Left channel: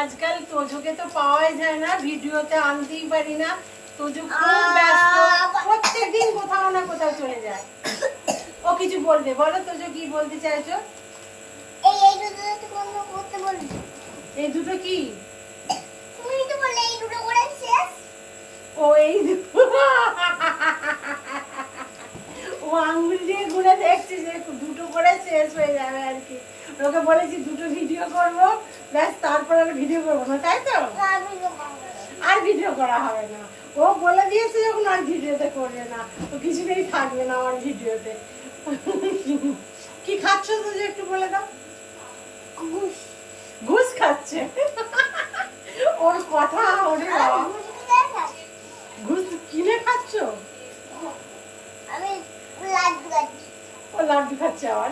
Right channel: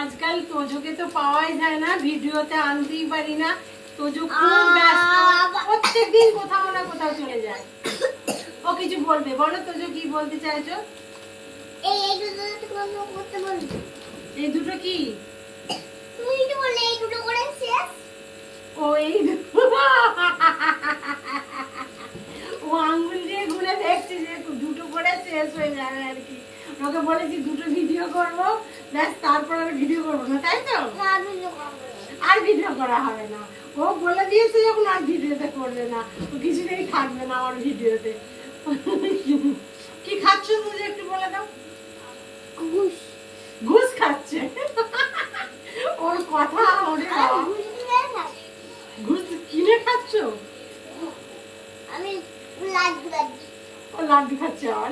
আজকাল তোজোকে তো পাওয়াই যায় না, ভিডিওতে আনতেই পারি না। তোজো খুব ব্যস্ত, প্রত্যেকদিন কোথাও না কোথাও চলে যায়। ও কিছু বলবে, বলো তোজো কি বলতে চাইছো? এই দুটো করতে বলি। এই দুটো কি? তুমি তো বললে এই দুটো করে শেষ। ও এই দুটো ও আঙ্গুল দিয়ে গুনে দেখছে যে দুটো করে শেষ হয়ে যাবে আর কি। ওকে বলেছি দুটো ভিডিও করব, ব্যাস তারপর আর ভিডিও করবো না, তাই তো? আর ভিডিও করা হবে না। ও বলে দিয়েছে যখন আর ভিডিওতে করবে না, ও কিছুতেই থাকবে না আমার ভিডিওতে। কি খাচ্ছ তুমি একটু বলে দাও। ঘুষ ঘুষ খাচ্ছে ওর কথা। ওরে বাবা, ঘুষ কিনে খাচ্ছ? আমি লাড্ডু খাচ্ছি। ও লাড্ডু খাচ্ছে আবার।